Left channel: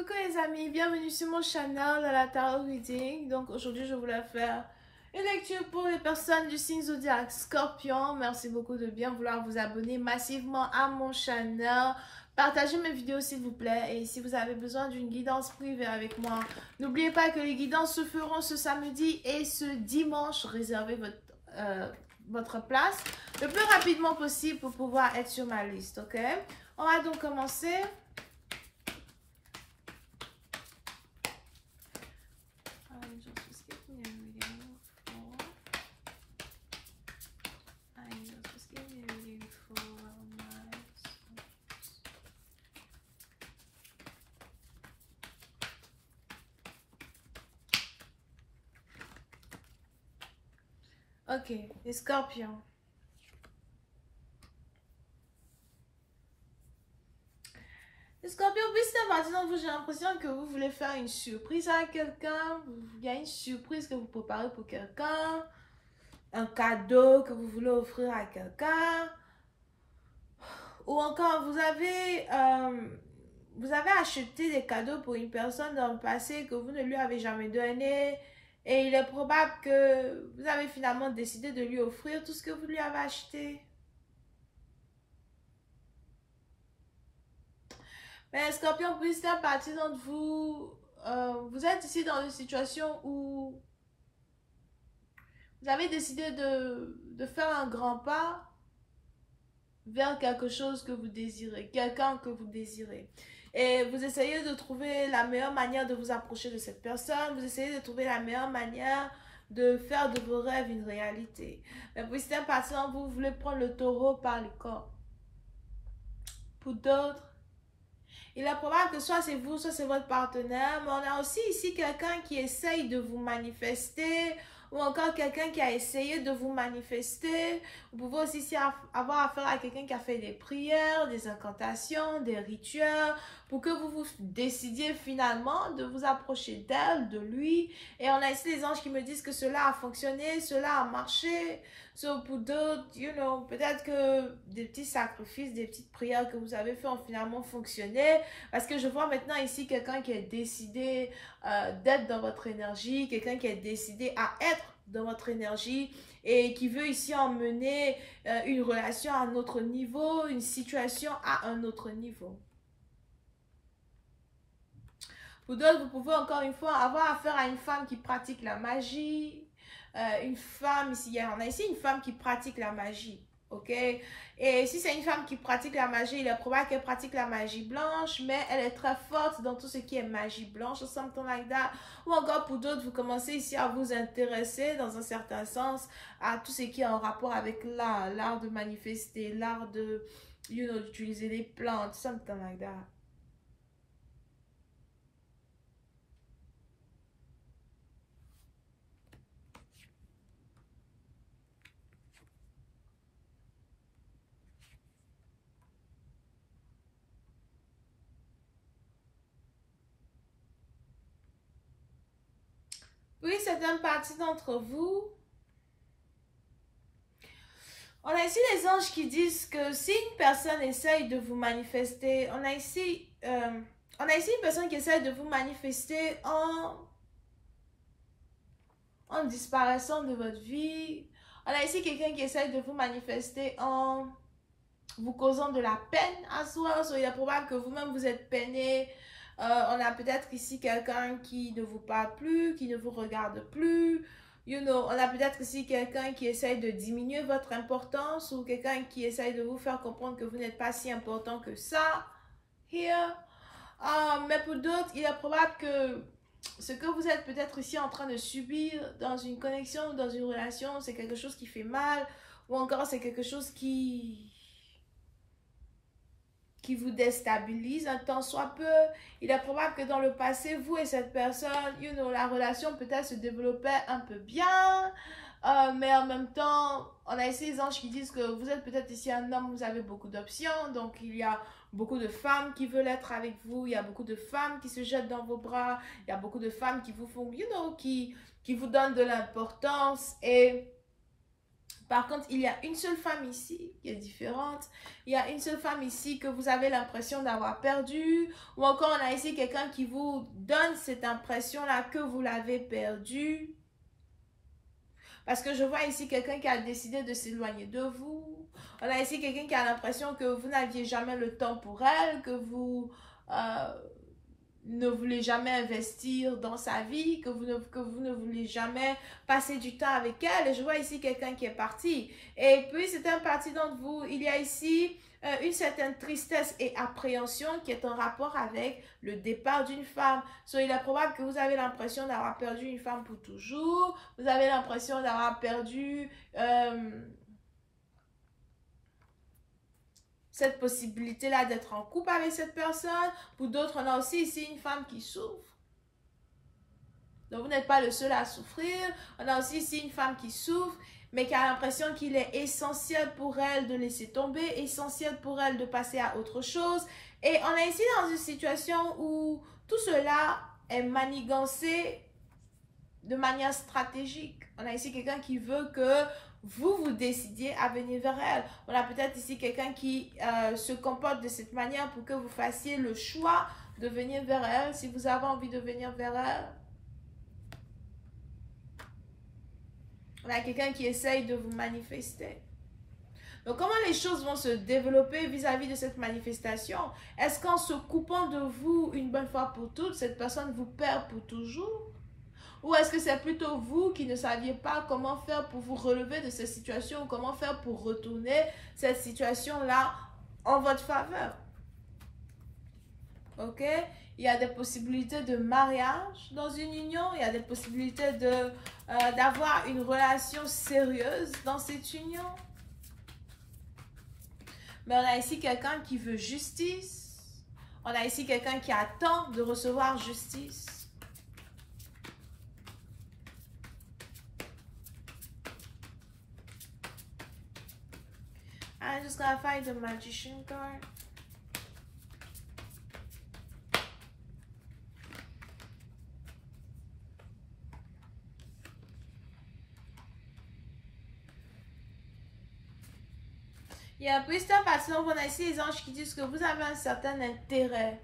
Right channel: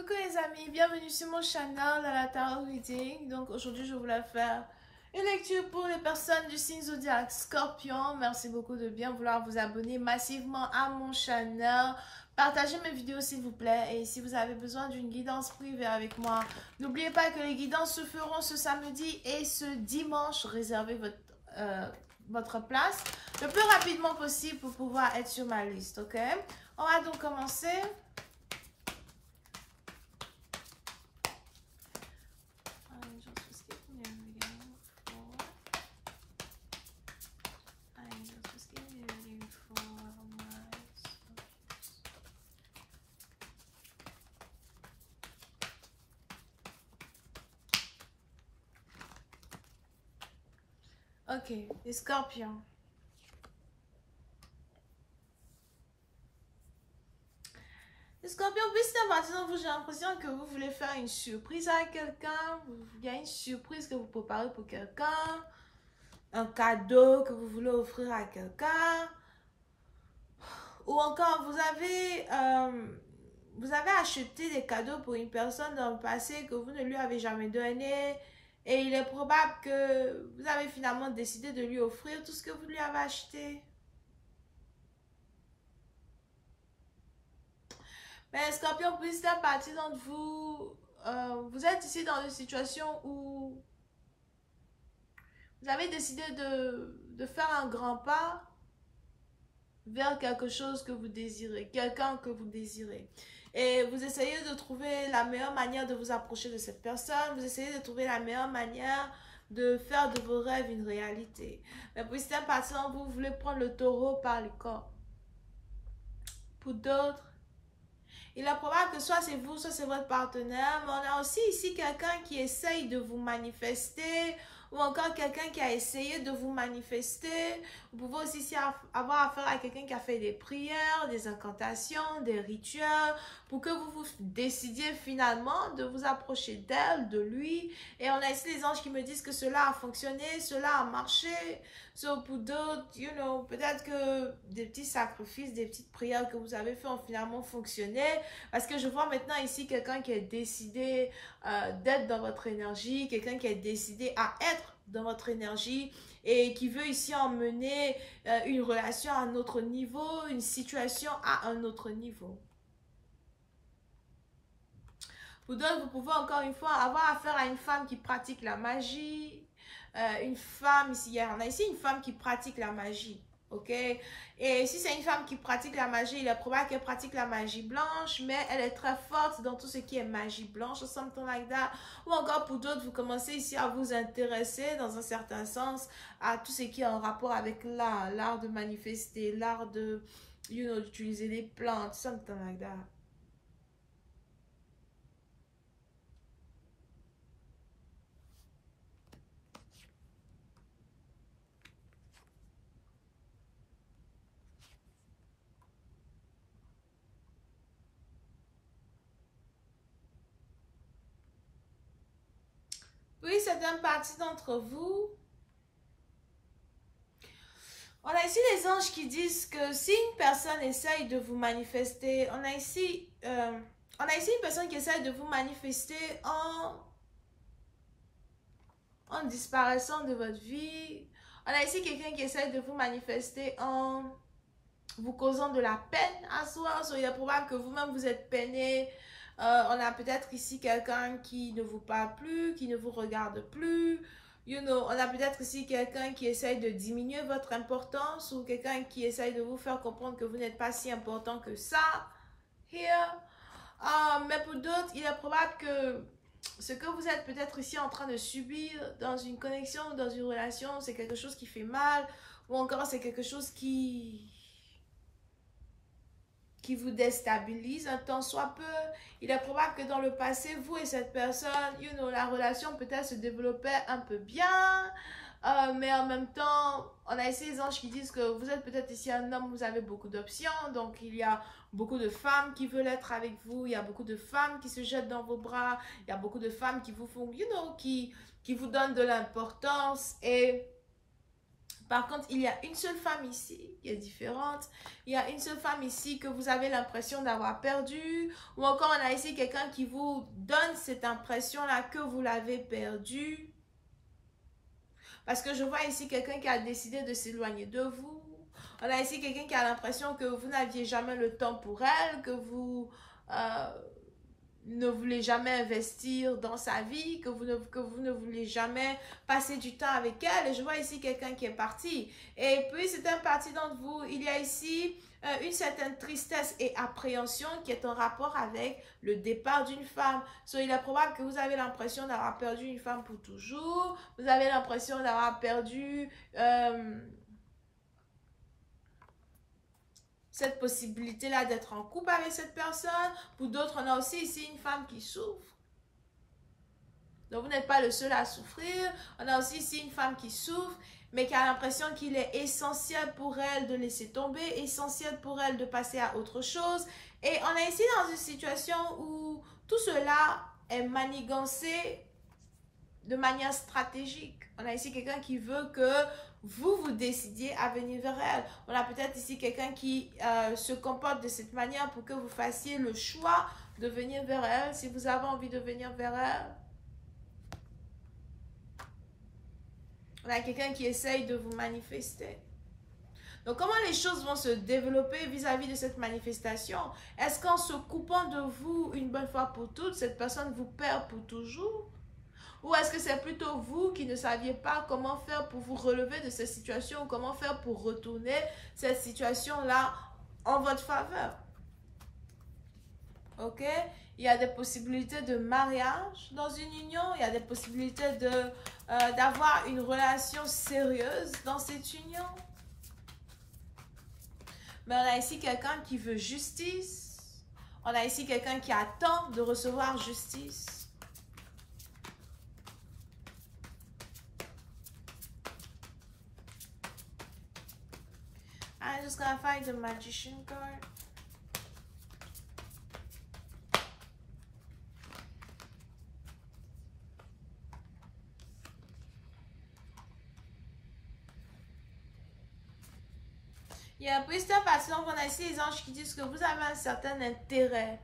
Coucou les amis, bienvenue sur mon channel à la Tarot Reading. Donc aujourd'hui je voulais faire une lecture pour les personnes du signe zodiaque Scorpion. Merci beaucoup de bien vouloir vous abonner massivement à mon channel. Partagez mes vidéos s'il vous plaît. Et si vous avez besoin d'une guidance privée avec moi, n'oubliez pas que les guidances se feront ce samedi et ce dimanche. Réservez votre place le plus rapidement possible pour pouvoir être sur ma liste, ok? On va donc commencer. Ok, les scorpions. Les scorpions, puisque maintenant j'ai l'impression que vous voulez faire une surprise à quelqu'un. Il y a une surprise que vous préparez pour quelqu'un. Un cadeau que vous voulez offrir à quelqu'un. Ou encore, vous avez acheté des cadeaux pour une personne dans le passé que vous ne lui avez jamais donné. Et il est probable que vous avez finalement décidé de lui offrir tout ce que vous lui avez acheté. Mais Scorpion, puisque une partie d'entre vous, vous êtes ici dans une situation où vous avez décidé de faire un grand pas vers quelque chose que vous désirez, quelqu'un que vous désirez. Et vous essayez de trouver la meilleure manière de vous approcher de cette personne. Vous essayez de trouver la meilleure manière de faire de vos rêves une réalité. Mais pour certaines personnes, vous voulez prendre le taureau par les cornes. Pour d'autres, il est probable que soit c'est vous, soit c'est votre partenaire. Mais on a aussi ici quelqu'un qui essaye de vous manifester, ou encore quelqu'un qui a essayé de vous manifester. Vous pouvez aussi ici avoir affaire à quelqu'un qui a fait des prières, des incantations, des rituels, pour que vous décidiez finalement de vous approcher d'elle, de lui. Et on a ici les anges qui me disent que cela a fonctionné, cela a marché. So, pour d'autres, peut-être que des petits sacrifices, des petites prières que vous avez fait ont finalement fonctionné. Parce que je vois maintenant ici quelqu'un qui est décidé d'être dans votre énergie, quelqu'un qui est décidé à être dans votre énergie et qui veut ici emmener une relation à un autre niveau, une situation à un autre niveau. Pour d'autres, vous pouvez encore une fois avoir affaire à une femme qui pratique la magie. Une femme, ici, on a ici une femme qui pratique la magie, ok? Et si c'est une femme qui pratique la magie, il est probable qu'elle pratique la magie blanche, mais elle est très forte dans tout ce qui est magie blanche, or something like that. Ou encore pour d'autres, vous commencez ici à vous intéresser dans un certain sens à tout ce qui est en rapport avec l'art de manifester, l'art de, d'utiliser les plantes, something like that. Oui, certaines parties d'entre vous. On a ici les anges qui disent que si une personne essaye de vous manifester, on a ici une personne qui essaye de vous manifester en disparaissant de votre vie. On a ici quelqu'un qui essaye de vous manifester en vous causant de la peine à soi. Il est probable que vous-même vous êtes peiné. On a peut-être ici quelqu'un qui ne vous parle plus, qui ne vous regarde plus. On a peut-être ici quelqu'un qui essaye de diminuer votre importance ou quelqu'un qui essaye de vous faire comprendre que vous n'êtes pas si important que ça. Here. Mais pour d'autres, il est probable que ce que vous êtes peut-être ici en train de subir dans une connexion, dans une relation, c'est quelque chose qui fait mal ou encore c'est quelque chose qui vous déstabilise un temps soit peu. Il est probable que dans le passé, vous et cette personne, la relation peut-être se développait un peu bien, mais en même temps, on a ici les anges qui disent que vous êtes peut-être ici un homme, vous avez beaucoup d'options, donc il y a beaucoup de femmes qui veulent être avec vous, il y a beaucoup de femmes qui se jettent dans vos bras, il y a beaucoup de femmes qui vous font, qui vous donnent de l'importance et Par contre, il y a une seule femme ici qui est différente. Il y a une seule femme ici que vous avez l'impression d'avoir perdue. Ou encore, on a ici quelqu'un qui vous donne cette impression-là que vous l'avez perdue. Parce que je vois ici quelqu'un qui a décidé de s'éloigner de vous. On a ici quelqu'un qui a l'impression que vous n'aviez jamais le temps pour elle, que vous ne voulez jamais investir dans sa vie, que vous ne voulez jamais passer du temps avec elle. Et je vois ici quelqu'un qui est parti. Et puis, c'est un parti d'entre vous. Il y a ici une certaine tristesse et appréhension qui est en rapport avec le départ d'une femme. Il est probable que vous avez l'impression d'avoir perdu une femme pour toujours. Vous avez l'impression d'avoir perdu cette possibilité-là d'être en couple avec cette personne. Pour d'autres, on a aussi ici une femme qui souffre. Donc, vous n'êtes pas le seul à souffrir. On a aussi ici une femme qui souffre, mais qui a l'impression qu'il est essentiel pour elle de laisser tomber, essentiel pour elle de passer à autre chose. Et on est ici dans une situation où tout cela est manigancé de manière stratégique. On a ici quelqu'un qui veut que vous décidiez à venir vers elle. On a peut-être ici quelqu'un qui se comporte de cette manière pour que vous fassiez le choix de venir vers elle, si vous avez envie de venir vers elle. On a quelqu'un qui essaye de vous manifester. Donc, comment les choses vont se développer vis-à-vis de cette manifestation? Est-ce qu'en se coupant de vous une bonne fois pour toutes, cette personne vous perd pour toujours? Ou est-ce que c'est plutôt vous qui ne saviez pas comment faire pour vous relever de cette situation, comment faire pour retourner cette situation-là en votre faveur? Ok? Il y a des possibilités de mariage dans une union, il y a des possibilités d'avoir une relation sérieuse dans cette union. Mais on a ici quelqu'un qui veut justice. On a ici quelqu'un qui attend de recevoir justice. I'm just gonna find the magician card. Il y a un peu cette partie, donc on a ici les anges qui disent que vous avez un certain intérêt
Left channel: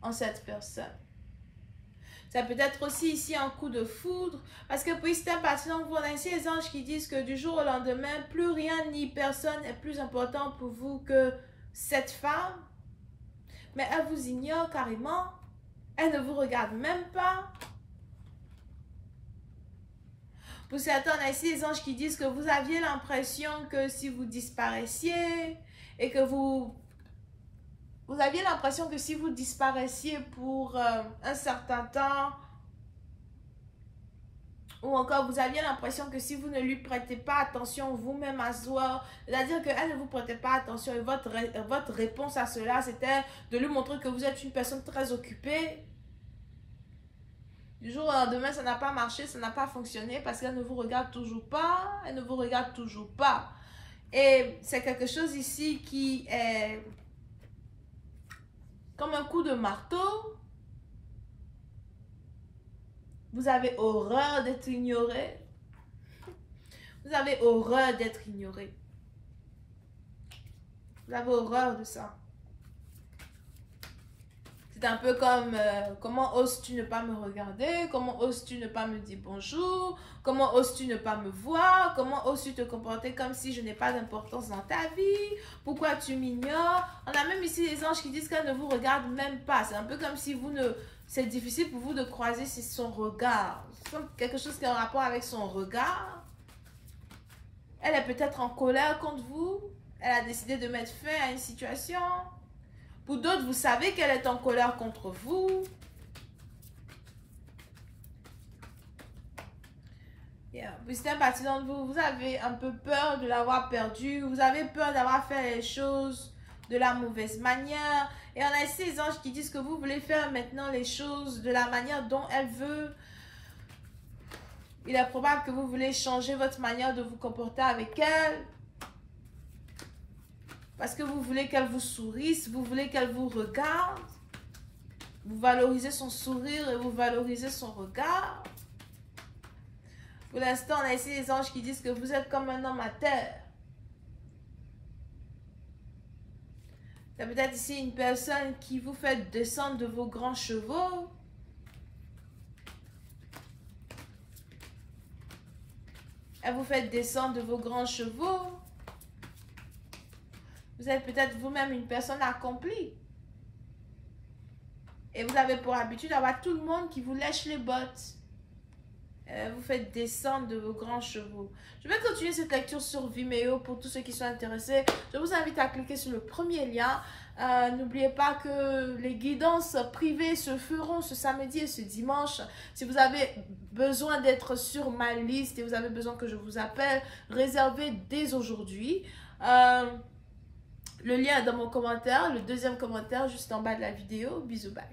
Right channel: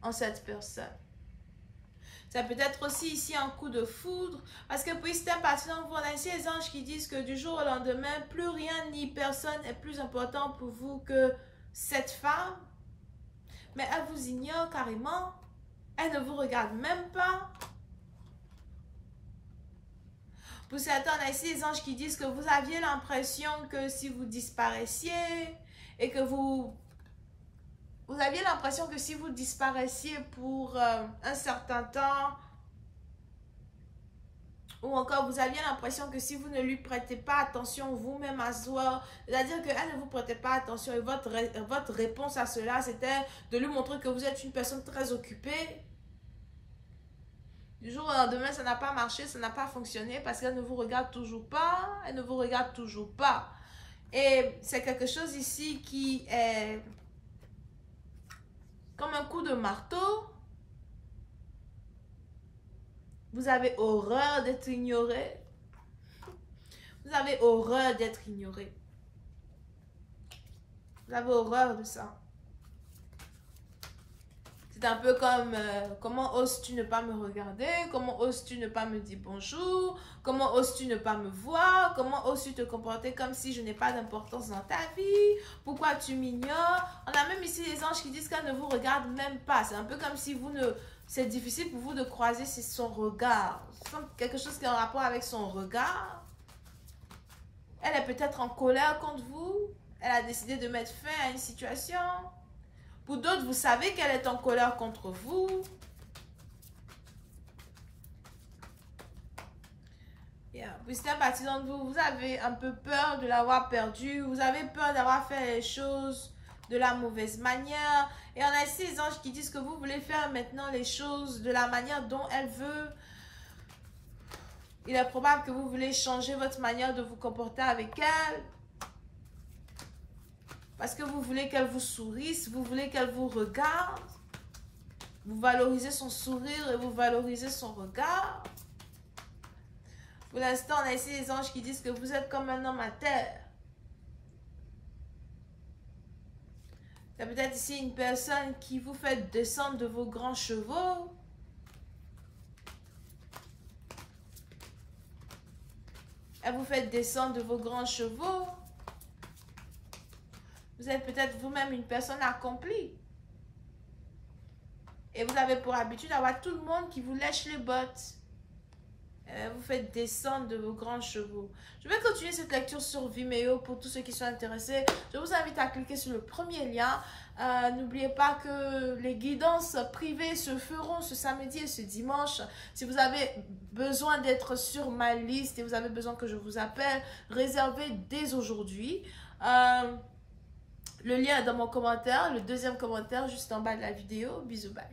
en cette personne. Ça peut être aussi ici un coup de foudre. Parce que puis c'est un parti, donc on a ici les anges qui disent que du jour au lendemain, plus rien ni personne est plus important pour vous que cette femme. Mais elle vous ignore carrément. Elle ne vous regarde même pas. Pour certains, on a ici les anges qui disent que vous aviez l'impression que si vous disparaisiez et que vous aviez l'impression que si vous disparaissiez pour un certain temps, ou encore vous aviez l'impression que si vous ne lui prêtez pas attention vous-même à soi, c'est-à-dire qu'elle ne vous prêtait pas attention et votre réponse à cela, c'était de lui montrer que vous êtes une personne très occupée. Du jour au lendemain, ça n'a pas marché, ça n'a pas fonctionné parce qu'elle ne vous regarde toujours pas, elle ne vous regarde toujours pas. Et c'est quelque chose ici qui est comme un coup de marteau. Vous avez horreur d'être ignoré. Vous avez horreur d'être ignoré. Vous avez horreur de ça. C'est un peu comme comment oses-tu ne pas me regarder? Comment oses-tu ne pas me dire bonjour? Comment oses-tu ne pas me voir? Comment oses-tu te comporter comme si je n'ai pas d'importance dans ta vie? Pourquoi tu m'ignores? On a même ici les anges qui disent qu'elle ne vous regarde même pas. C'est un peu comme si c'est difficile pour vous de croiser son regard. C'est quelque chose qui est en rapport avec son regard. Elle est peut-être en colère contre vous. Elle a décidé de mettre fin à une situation. Pour d'autres, vous savez qu'elle est en colère contre vous. Puis c'est un parti d'entre vous, vous avez un peu peur de l'avoir perdu. Vous avez peur d'avoir fait les choses de la mauvaise manière. Et on a ici les anges qui disent que vous voulez faire maintenant les choses de la manière dont elle veut. Il est probable que vous voulez changer votre manière de vous comporter avec elle. Parce que vous voulez qu'elle vous sourisse, vous voulez qu'elle vous regarde. Vous valorisez son sourire et vous valorisez son regard. Pour l'instant, on a ici les anges qui disent que vous êtes comme un homme à terre. Il y a peut-être ici une personne qui vous fait descendre de vos grands chevaux. Elle vous fait descendre de vos grands chevaux. Vous êtes peut-être vous-même une personne accomplie. Et vous avez pour habitude d'avoir tout le monde qui vous lèche les bottes. Vous faites descendre de vos grands chevaux. Je vais continuer cette lecture sur Vimeo pour tous ceux qui sont intéressés. Je vous invite à cliquer sur le premier lien. N'oubliez pas que les guidances privées se feront ce samedi et ce dimanche. Si vous avez besoin d'être sur ma liste et vous avez besoin que je vous appelle, réservez dès aujourd'hui. Le lien est dans mon commentaire, le deuxième commentaire juste en bas de la vidéo. Bisous, bye.